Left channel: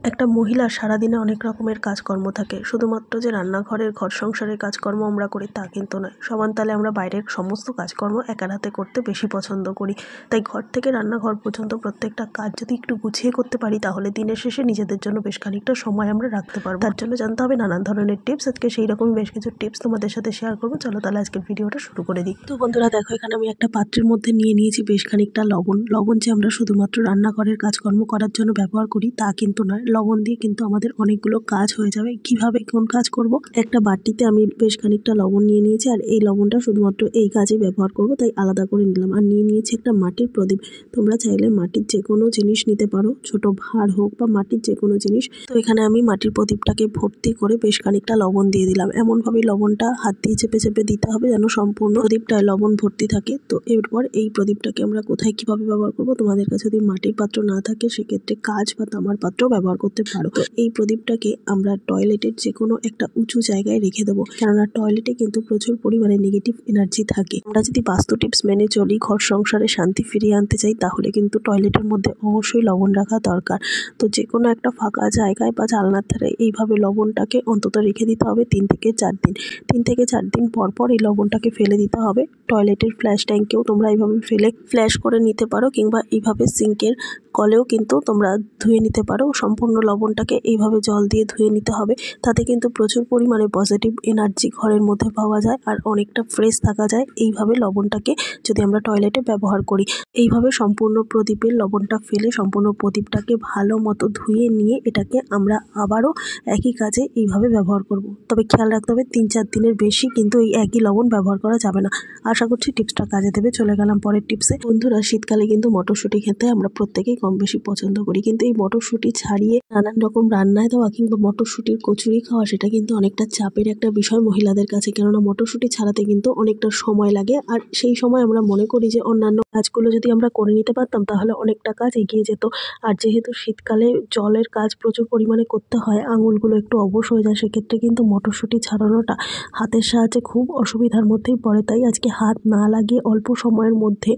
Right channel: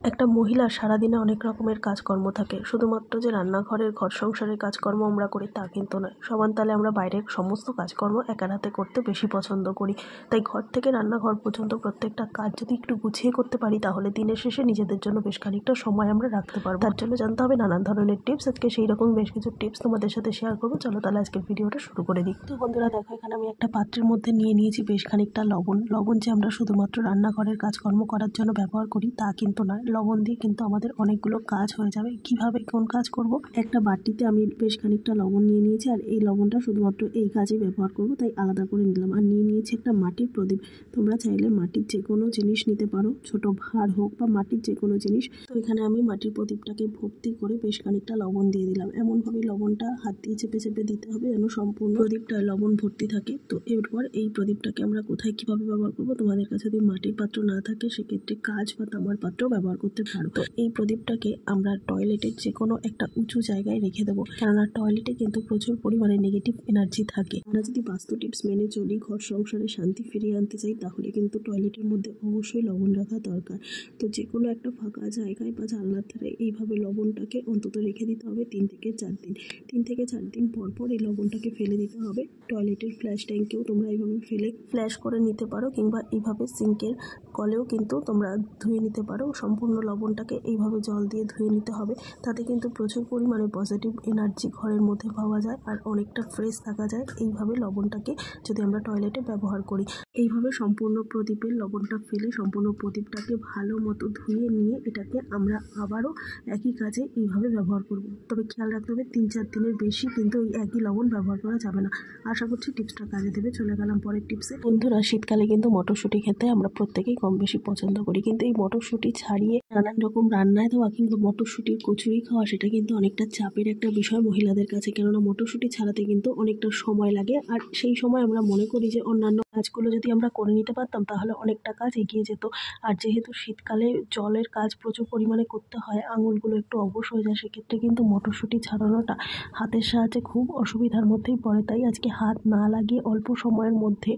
একটা মহিলার সারাদিনে অনেক রকমের কাজকর্ম থাকে। শুধুমাত্র যে রান্নাঘরের ঘর সংসারের কাজকর্ম আমরা করি তা কিন্তু নয়। সমানতালে আমরা বাইরের সমস্ত কাজকর্ম একার হাতে করতে বেশি পছন্দ করি। তাই ঘর থেকে রান্নাঘর পর্যন্ত প্রত্যেকটা কাজ যদি একটু গুছিয়ে করতে পারি তাহলে দিনের শেষে নিজেদের জন্য বেশ খানিকটা সময় আমরা রাখতে পারবো। তার জন্য জানতে হবে নানান ধরনের টিপস। আজকে সেই রকম বেশ কিছু টিপস তোমাদের সাথে শেয়ার করবো। চলো তাহলে আজকের ভিডিওটা শুরু করে দিই। তো বন্ধুরা দেখো, এখানে আমি একটা পাত্রের মধ্যে নিয়ে নিয়েছি বেশ খানিকটা লবণ। লবণ যে আমরা শুধুমাত্র রান্নাঘরের কাজকর্ম করার জন্য ব্যবহার করি তা কিন্তু নয়। লবণ দিয়ে কিন্তু আমাদের অনেকগুলো কাজ হয়ে যাবে। কিভাবে কোন কাজ করব? একটা বাটিতে আমি বেশ খানিকটা লবণ নিয়ে নিয়েছি, আর এই লবণটা শুধুমাত্র এই কাজে ব্যবহার করব, তাই আলাদা করে নিলাম। আর নিয়ে নিয়েছি একটা মাটির প্রদীপ। তোমরা চাইলে মাটির যে কোনো জিনিস নিতে পারো, ছোট ভাঁড় হোক বা মাটির যে কোনো জিনিস। তো এখানে আমি মাটির প্রদীপটাকে ভর্তি করে বেশ খানিকটা লবণ দিয়ে দিলাম। এমনভাবে লবণটা হাত দিয়ে চেপে চেপে দিতে হবে যেন সম্পূর্ণ প্রদীপটায় লবণ ভর্তি থাকে। তো এরপর এই প্রদীপটাকে আমরা কোথায় কিভাবে ব্যবহার করব? তোমাদের কাছে যদি মাটির পাত্র না থাকে সেক্ষেত্রে কাঁচ বা তামার পাত্র ব্যবহার করতে পারো। তো এই প্রদীপটাকে আমরা টয়লেটের যে কোনো একটা উঁচু জায়গায় রেখে দেবো, কেননা টয়লেটে কিন্তু প্রচুর পরিমাণে নেগেটিভ এনার্জি থাকে। আমরা যদি বাস্তু টিপস মেনে চলি, ঘর সংসারে শান্তি ফিরিয়ে আনতে চাই, তাহলে কিন্তু টয়লেটের মধ্যে অবশ্যই লবণ রাখা দরকার। তো যে কোনো একটা ফাঁকা জায়গায় বা জানলার ধারে এইভাবে লবণটাকে অন্তত রেখে দিতে হবে 3 থেকে 4 দিন। 3 থেকে 4 দিন পর পর এই লবণটাকে ফেলে দিতে হবে। টয়লেটের ফ্ল্যাশ ট্যাঙ্কেও তোমরা এইভাবে ফেলে ফ্ল্যাশ করে নিতে পারো, কিংবা এইভাবে সিঙ্কের কলেও কিন্তু তোমরা ধুয়ে নিতে পারো। সম্পূর্ণ লবণটাকে এইভাবে জল দিয়ে ধুয়ে নিতে হবে। তাতে কিন্তু প্রচুর পরিমাণে পজিটিভ এনার্জি ঘরের মধ্যে পাওয়া যায় আর অনেকটা ফ্রেশ থাকা যায় এইভাবে লবণটাকে যদি আমরা টয়লেটে ব্যবহার করি। এইভাবে সম্পূর্ণ প্রদীপের লবণটা ফেলে সম্পূর্ণ প্রদীপটাকে ভালো মতো ধুয়ে নিয়ে এটাকে আমরা আবারও একই কাজে এইভাবে ব্যবহার করব। তবে খেয়াল রাখতে হবে 3-4 দিনের বেশি কিন্তু এই একই লবণ ব্যবহার করা যাবে না। আশা করছি টিপসটা কাজে দেবে। চলে গেলাম পরের টিপসে। বন্ধুরা, শীতকালে কিন্তু মটরশুঁটি খেতে আমরা প্রত্যেকেই কম বেশি পছন্দ করি, কিন্তু এই মটরশুঁটি ছাড়িয়ে নানান রকম রান্নায় দেওয়া কিংবা মটরশুঁটির কচুরি খাওয়া, সেটা কিন্তু অনেকটা চাপের একটা বিষয় মহিলাদের কাছে। কেননা মটরশুঁটি ছাড়াতে কিন্তু অনেকটা সময় লাগে, আর সেই সময় আমরা মনে করি যে অন্যান্য কাজগুলো যদি আমরা করে নিতে পারতাম তাহলে অনেকটা কাজ এগিয়ে যেত। আর যেহেতু শীতকালে জলের কাজ প্রচুর পরিমাণে করতে হয়, আঙুলগুলো একটু অবশ হয়ে যায়, সেক্ষেত্রে কিন্তু মটরশুঁটি ছাড়ানোটা হাতের সাহায্যে খুব অসুবিধার মধ্যেই পড়ে। তাই আজকে হাত না লাগিয়ে অল্প সময়ের মধ্যে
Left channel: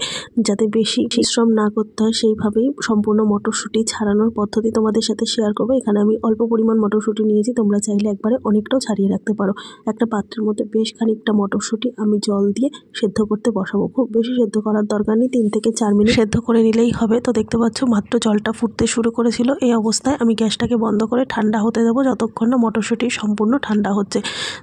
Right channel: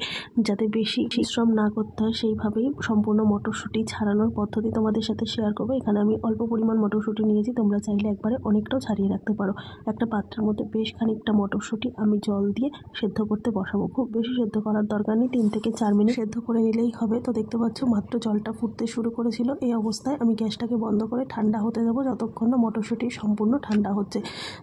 যাতে বেশি পরিশ্রম না করতে হয় সেইভাবেই সম্পূর্ণ মটরশুঁটি ছাড়ানোর পদ্ধতি তোমাদের সাথে শেয়ার করবো। এখানে আমি অল্প পরিমাণ মটরশুঁটি নিয়েছি, তোমরা চাইলে একবারে অনেকটাও ছাড়িয়ে রাখতে পারো। একটা পাত্রের মধ্যে বেশ খানিকটা মটরশুঁটি আমি জল দিয়ে সেদ্ধ করতে বসাবো। খুব বেশি সেদ্ধ করার দরকার নেই, 3 থেকে 4 মিনিট সেদ্ধ করে নিলেই হবে। তো দেখতে পাচ্ছ মাত্র জলটা ফুটতে শুরু করেছিল। এই অবস্থায় আমি গ্যাসটাকে বন্ধ করে ঠান্ডা হতে দেবো, যতক্ষণ না মটরশুঁটি সম্পূর্ণ ঠান্ডা হচ্ছে।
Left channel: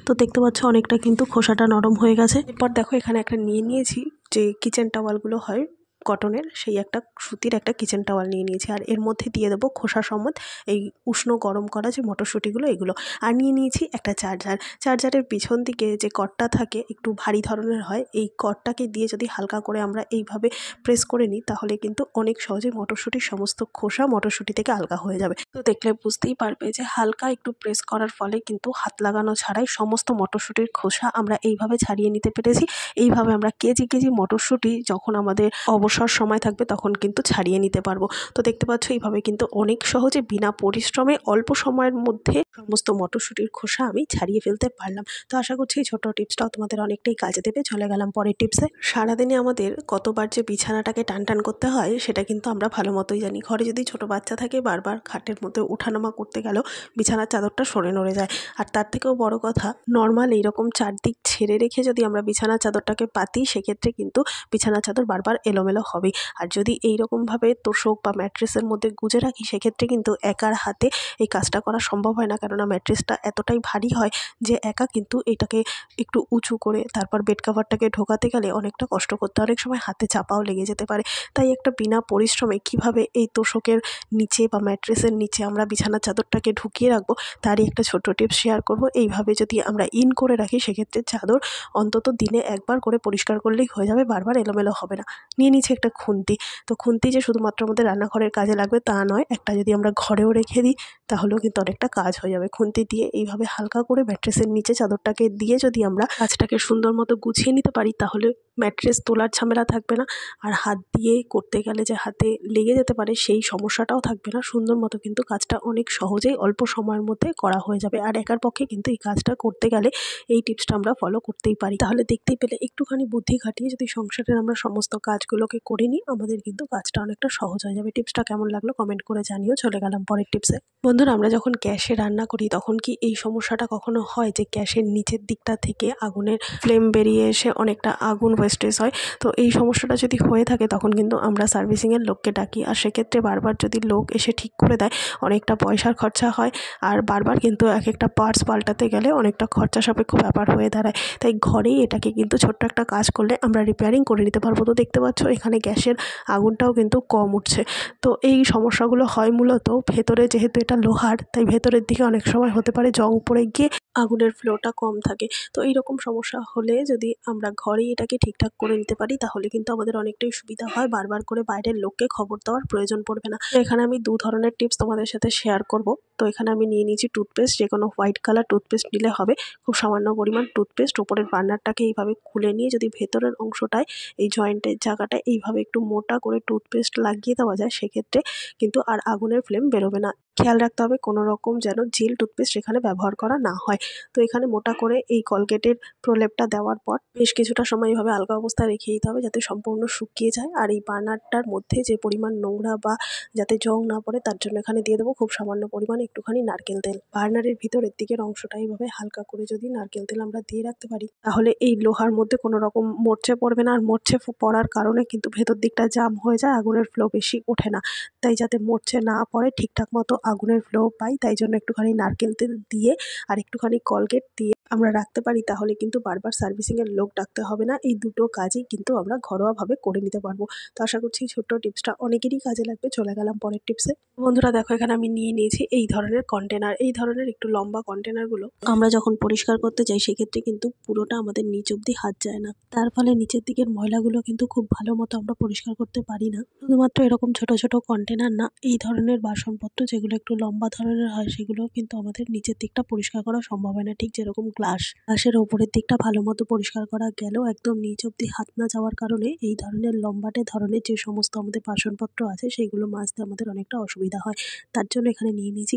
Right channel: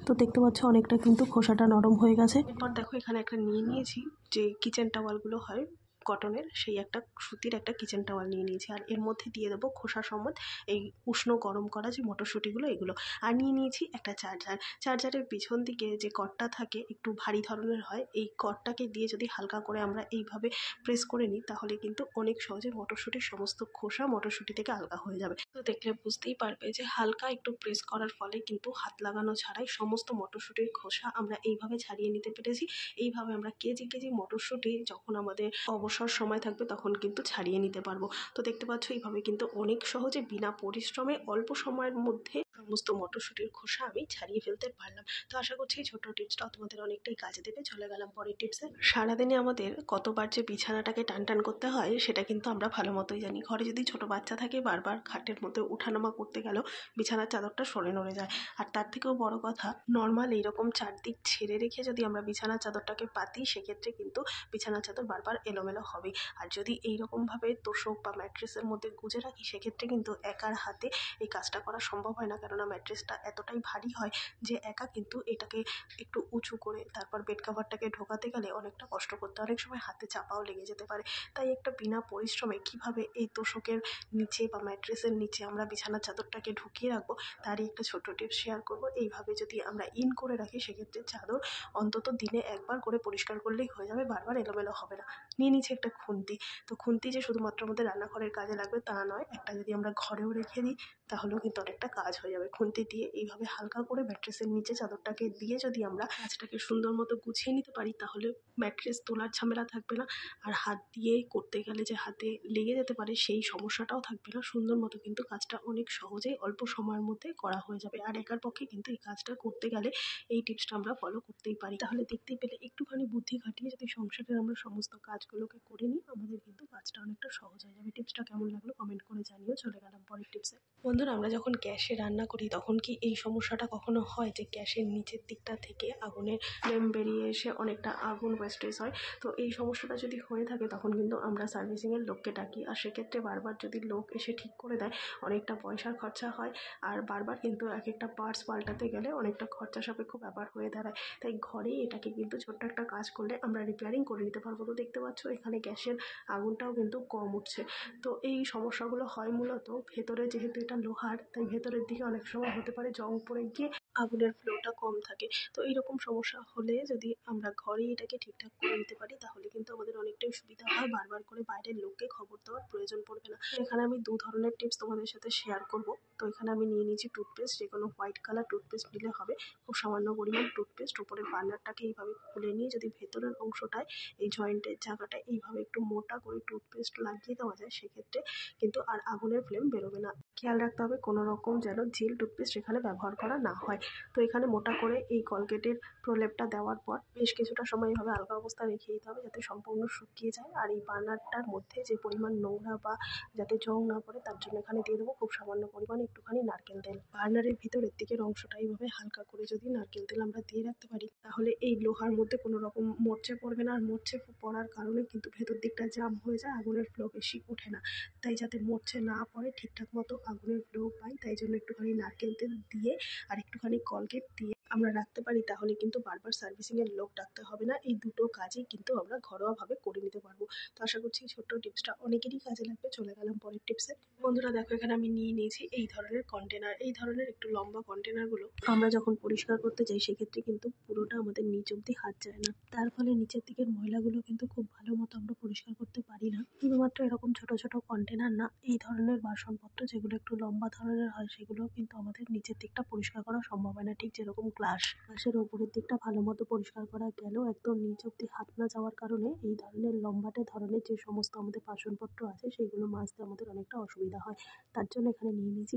তো দেখতে পাচ্ছ অনেকটা কিন্তু খোসাটা নরম হয়ে গেছে। এরপর দেখো, এখানে একটা নিয়ে নিয়েছি যে কিচেন টাওয়ালগুলো হয় কটনের, সেই একটা সুতির একটা কিচেন টাওয়াল নিয়ে নিয়েছি, আর এর মধ্যে দিয়ে দেবো খোসা সমেত এই উষ্ণ গরম করা যে মটরশুঁটিগুলো এগুলো। আর নিয়ে নিয়েছি একটা চার্জার। চার্জারের পিছন দিকে যে কর্ডটা থাকে একটু ভারী ধরনের হয়, এই কর্ডটাকে দিয়ে যদি হালকা করে আমরা এইভাবে প্রেস করে নিই তাহলে কিন্তু অনেক সহজে মটরশুঁটির সমস্ত খোসা মটরশুঁটি থেকে আলগা হয়ে যাবে। তো দেখলে বুঝতেই পারবে যে হালকা একটু প্রেস করার ফলে কিন্তু হাত লাগানো ছাড়াই সমস্ত মটরশুঁটির খোসা আমরা এইভাবে ছাড়িয়ে নিতে পেরেছি। এইভাবে আমরা কেজি কেজি মটরশুঁটি যখন আমাদের অবসর সময় থাকবে তখন কিন্তু ছাড়িয়ে নিতে পারবো। তো দেখতে পাচ্ছ এইভাবে কিন্তু অনেক সহজে বিনা পরিশ্রমে অল্প সময়ের মধ্যে সমস্ত মটরশুঁটির খোসা আমি ছাড়িয়ে ফেলতে পারলাম। তো আশা করছি এই ছোট টিপসটাও তোমাদের অনেকটাই কাজে দেবে। চলে গেলাম পরের টিপসে। সারাদিনে আমাদের কতবার যে বিছানাটাকে টান টান করতে হয় সেটা কিন্তু আমরা ভালো মতোই জানি। ঘরে যদি ছোট বাচ্চা থাকে বারবার খাটের মধ্যে ওঠানামা করতে গেলেও বিছানার চাদরটা সরে নড়ে যায়। আর তার থেকেও বড় কথা, নর্মাল এইরকম চারদিক ছেড়ে রেখে যদি আমরা বিছানার চাদরটাকে পাতি সেক্ষেত্রে কিন্তু বিছানার চাদর বারবার এলোমেলো হবেই। আর যদি এইরকমভাবে তোষক বা ম্যাট্রেসের মধ্যে গুজে রাখি সেক্ষেত্রে কিন্তু একার হাতে এই কাজটা করা সম্ভব হয় না, কেননা ম্যাট্রেসটা এতটাই ভারী হয় যে একা কিন্তু এটাকে একটু উঁচু করে তারপর বেড কাভারটাকে ঢোকাতে গেলে অনেকটা কষ্ট করতে হয়, অনেক সময় হাতে চাপাও লেগে যেতে পারে। তাই একটা বিনা পরিশ্রমে কিভাবে এই তোষকের নিচে বা ম্যাট্রেসের নিচে আমরা বিছানার চাদরটাকে ঢুকিয়ে রাখবো তারই একটা ছোট্ট টিপস শেয়ার করব। এইভাবে যদি আমরা ইন করে রাখি সেক্ষেত্রে চাদর অন্তত দিনে একবার করে পরিষ্কার করলেই হয়ে যাবে, বারবার এলোমেলো হবে না। নিয়ে নিচ্ছি একটা খুন্তি। তো খুন্তি যে শুধুমাত্র আমাদের রান্নাঘরের কাজে লাগবে তা নয়, একটা যদি আমরা ঘরেও রেখে দিই তাহলেও কিন্তু অনেকটা কাজ হয়ে যাবে। খুন্তি দিয়ে এইভাবে হালকা করে ম্যাট্রেসের নিচে চাদরটাকে দিয়ে যদি আমরা কাজটাকে সুন্দর মতো গুছিয়ে নিতে পারি তাহলে ম্যাট্রেস তোলার ঝামেলা থাকবে না, আর হাত দিয়ে করতে গেলে যে হাতে লেগে যেতে পারে সেই সমস্যাটাও থাকবে না। সুন্দর মতো কিন্তু কাজটা অনেক সহজেই অল্প সময়ের মধ্যে করা হয়ে যাবে। আর একার পক্ষে কিন্তু এই কাজটা করতে গেলে এই টিপসটা আমরা ফলো করতেই পারি। তাহলে দেখতেই পেলে একটুখানি বুদ্ধি খাটিয়ে যদি সংসারের আমরা সমস্ত কাজগুলোকে করে নিই, আমাদের কিন্তু কাজটা অনেকটা সহজ হয়ে যাবে। টিপসটা কেমন লাগলো কমেন্ট করে জানিও। চলে গেলাম পরের টিপসে। বন্ধুরা, আমরা যখন গ্যাসে রান্না করি তখন কি এই সমস্যাটা কখনো হয় যে গ্যাসের নিচের দিকটা থেকে আগুনের ফ্লেম বেরিয়ে এসে অনেকটা আগুন ওয়েস্টেজ হয়? তো এই সমস্যাটা যদি হয়ে থাকে তখন কিন্তু আমরা সার্ভিসিংয়ের লোককে ডাকি, আর সেক্ষেত্রে বারবার যদি লোক এসে ঠিক করে দেয় অনেকটা পয়সার খরচা হয়, আর বারবার কিন্তু এক একটা পার্টস পাল্টাতে গেলে অনেকটা খরচা সাপেক্ষ ব্যাপার হয়ে দাঁড়ায়। তাই ঘরেই এটাকে কিন্তু ছোট্ট একটা কাজ করলে আমরা রিপেয়ারিং করে নিতে পারবো। তো দেখতে পাচ্ছ এখানে গ্যাসের আগুনটাও কিন্তু কম উঠছে। তো এই সমস্যাগুলো হয় মূলত ভেতরে, যেহেতু এটা লোহার তাই ভেতরের দিকে অনেক সময় হতে পারে জং পড়ে গিয়ে আগুনের ফ্লোটা কম থাকে। তো এইরকম সমস্যা হলে যদি আমরা ঘরেই এটাকে ঠিকঠাক করে নিতে পারি তাহলে কিন্তু আমাদের অনেকটাই সুবিধা হয়, বারবার করে বাইরের লোককে খবর দেওয়ার প্রয়োজন পড়বে না। তো এখানে আমি 2 ধরনের টিপস তোমাদের সাথে শেয়ার করব। তো এখানে আমি নিয়ে নিয়েছি টুথপেস্ট, যে কোনো হোয়াইট কালার টুথপেস্ট নিলে হবে। খুব সামান্য পরিমাণ টুথপেস্ট, ওপরের বার্নারটাকে এইভাবে খুলে নিয়ে যদি ভেতরের অংশটায় এই জয়েন্টের জায়গাটায় এইভাবে একটু মোটা করে টুথপেস্ট লাগিয়ে দেওয়া যায়, সেক্ষেত্রে কিন্তু আর আগুনের ফ্লেম বেরোবে না। খেয়াল রাখতে হবে কোনো রকম যেন জেল টুথপেস্ট এখানে ব্যবহার করা না হয়। তো এখানে মোটা করে এই কলগেটের প্রলেপটা দেওয়ার পর বেশ কিছুটা সময় এভাবে আলগা অবস্থায় রেখে দিতে হবে যাতে সম্পূর্ণ শুকিয়ে যায়। আর এই বার্নারটার মধ্যে যে পরিমাণ নোংরা বা যাতে জং না পড়ে তার জন্য এখানে দিয়ে দেবো খুব সামান্য পরিমাণে একটুখানি নারকেল তেল। বার্নারের ভিতরের দিকের অংশটা এইভাবে হালকা করে যদি নারকেল তেল আমরা দিয়ে রাখতে পারি তাহলে এই লোহার মধ্যে কোনো রকম মরচে পড়বে না। আর মরচে পড়ার কারণে কিন্তু ভেতর দিকটা জাম হয়ে যায়, আগুনের ফ্লো বেশি ওঠে না। তাই যাতে মরচে না পড়ে, ঠিকঠাক মতো আগুনের ফ্লো পাই, তাই জন্য একটুখানি নারকেল তেল দিয়ে আর একটুখানি কলগেট দিয়ে আমরা রাখতে পারি, তাহলে কিন্তু বারবার সার্ভিসিংয়ের লোক ডাকতে হবে না। এই দুটো কাজই কিন্তু আমরা ঘরোয়াভাবে করে নিতে পারবো। তো আশা করছি এই ছোট্ট টিপসটা অনেকেরই কাজে লাগবে। চলে গেলাম পরের টিপসে। বন্ধুরা দেখো, এখানে আমি নিয়ে নিয়েছি এই ধরনের কন্টেনার। এই ধরনের একটু লম্বা কন্টেনারগুলো আমরা যখন পরিষ্কার করতে যাই সেক্ষেত্রে কিন্তু পুরোটা আমাদের নিচ অব্দি হাত যায় না, তার ফলে নিচের দিকের ময়লাগুলো কিন্তু খুব ভালো মতো আমরা পরিষ্কার করতে পারি না। শুধুমাত্র এরকম ছোট ছোট কন্টেনার না, এই ধরনের বাসনপত্র যেগুলো একটু লম্বা ধরনের হয় সেগুলো কিন্তু আমাদের নিচের দিকটা পরিষ্কার করা সম্ভব হয় না। ঠিক যেরকম গ্লাসের ওপরের দিকটা ভালো মতো পরিষ্কার করা গেলেও একদম নিচ অব্দি হাত না যাওয়ার কারণে এই ধরনের লম্বাটে ধরনের যে সমস্ত আমাদের বাসনপত্র আছে সেগুলো মাজতে আমাদের অনেকটা অসুবিধা হয়। তার জন্য এখানে নিয়ে নিয়েছি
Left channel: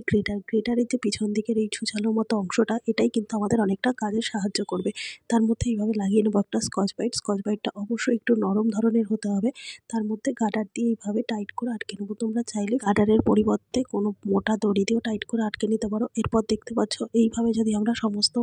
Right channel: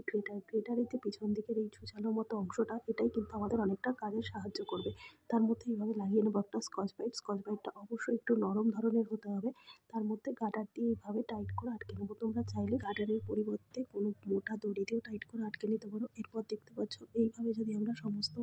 গ্রেটারের যে পিছন দিকের এই ছুঁচালো মতো অংশটা, এটাই কিন্তু আমাদের অনেকটা কাজে সাহায্য করবে। তার মধ্যে এইভাবে লাগিয়ে নেবো একটা স্কচ বাইটটা অবশ্যই একটু নরম ধরনের হতে হবে। তার মধ্যে গার্ডার দিয়ে এইভাবে টাইট করে আটকে নেবো। তোমরা চাইলে গার্ডারের পরিবর্তে কোনো মোটা দড়ি দিয়েও টাইট করে আটকে নিতে পারো। এরপর দেখতে পাচ্ছ এইভাবে যদি আমরা সমস্ত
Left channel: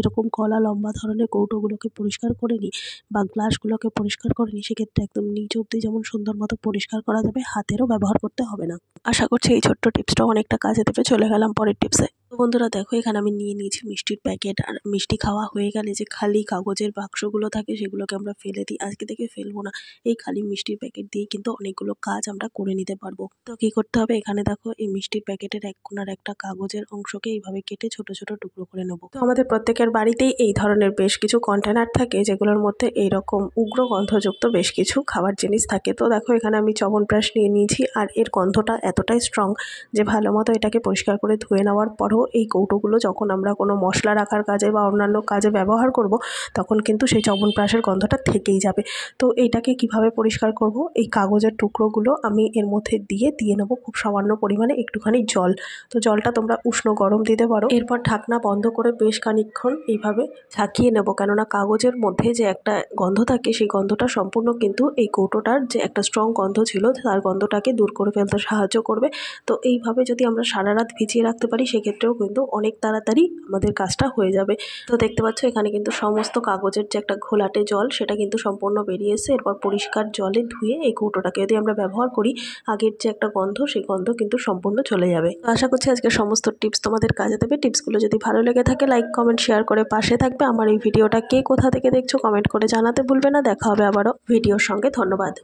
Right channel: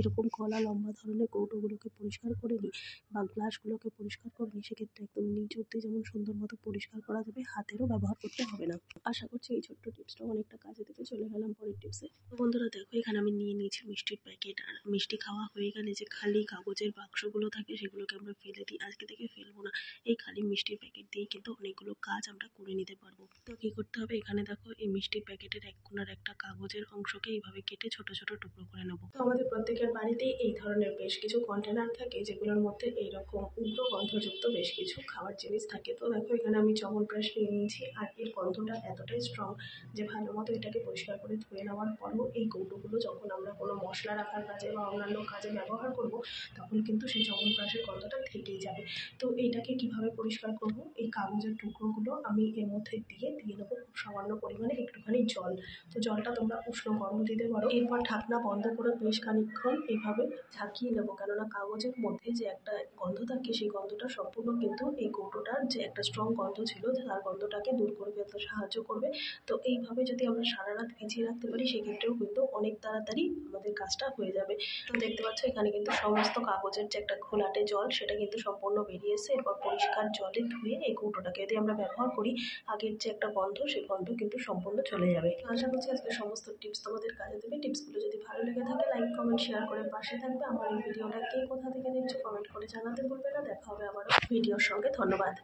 এরকম গলা লম্বা ধরনের কৌটোগুলোকে পরিষ্কার করে নিই বা গ্লাসগুলোকে পরিষ্কার করে নিই, সেক্ষেত্রে একদম নিচ অব্দি যেমন সুন্দর মতো পরিষ্কার করা যাবে, হাতেরও ব্যবহার করতে হবে না। আশা করছি এই ছোট্ট টিপসটাও অনেকটা কাজে দেবে। চলে গেলাম পরের টিপসে। তো বন্ধুরা দেখো, এখানে আমি নিয়ে নিয়েছি মিষ্টির প্যাকেট। আর মিষ্টি খাওয়া হয়ে গেলে যে খালি কাগজের বাক্সগুলো থাকে সেগুলোকে আমরা ফেলে দিই, আজকে থেকে ফেলবো না। এই খালি মিষ্টির প্যাকেট দিয়ে কিন্তু অনেকগুলো কাজ আমরা করে নিতে পারবো। তো কি করতে হবে, এখানে দেখো এই মিষ্টির প্যাকেটের এক কোণার একটা কাগজের অংশকে এইভাবে কেটে ছোট ছোট টুকরো করে নেবো। তো আমাদের প্রত্যেকের বাড়িতেই এই ধরনের বেশ কিছু কন্টেনার থাকে যেগুলোর মধ্যে এইরকম উগ্র গন্ধযুক্ত বেশ কিছু খাবার জিনিস থাকে। তো দেখো এখানে আমি চ্যবনপ্রাশ নিয়ে নিয়েছি, আর এর গন্ধটা এতটাই স্ট্রং যে ভালো মতো এটাকে পরিষ্কার করে ধুয়ে নেওয়ার পরও এই কৌটোগুলো যখন আমরা কোনো মশলা রাখার কাজে বা অন্যান্য কাজে ব্যবহার করব তখন কিন্তু সেই চ্যবনপ্রাশের গন্ধটা থেকেই যাবে। তো এইটাকে কিভাবে পরিষ্কার করব, এই কাগজের টুকরোগুলো আমি এর মধ্যে দিয়ে নেবো খুব সামান্য পরিমাণে একটুখানি জল। তো জলটা তোমরা উষ্ণ গরম দিতে পারো। এরপর ঢাকনা বন্ধ করে বেশ খানিকক্ষণ এইভাবে ঝাঁকিয়ে নেবো, কেননা কাগজের মধ্যে যে একটা গন্ধ থাকে সেই গন্ধটা সম্পূর্ণ কিন্তু এই কৌটোটার যে একটা স্ট্রং গন্ধ ছিল তার গন্ধটাকে দূর করে ফেলতে সাহায্য করবে। তো এইভাবে যদি আমরা সারা রাত ভিজিয়ে রাখতে পারি সেক্ষেত্রেও কিন্তু অনেক তাড়াতাড়ি আমাদের কাজটা হয়ে যাবে। তো দেখতে পাচ্ছ এখানে কিন্তু সমস্ত কাগজের যে একটা ঘোলাটে জল সেটা কিন্তু সম্পূর্ণ বেরিয়ে এসে, এরপর পরিষ্কার জলে ধুয়ে এই কৌটোটাকে যদি আমরা ব্যবহার করি আগের যে একটা গন্ধ সেই গন্ধ কিন্তু সম্পূর্ণ চলে যাবে। তো আশা করছি আজকে সমস্ত টিপস তোমাদের কাজে দেবে। টিপসগুলো যদি ভালো লেগে থাকে লাইক কমেন্ট শেয়ার করে পাশে থাকবে। আমার এই ভিডিওটা কে কোথা থেকে দেখছো কমেন্ট করে জানাতে ভুলবে না। দেখা হবে আবারও ভিডিওর সঙ্গে। ধন্যবাদ।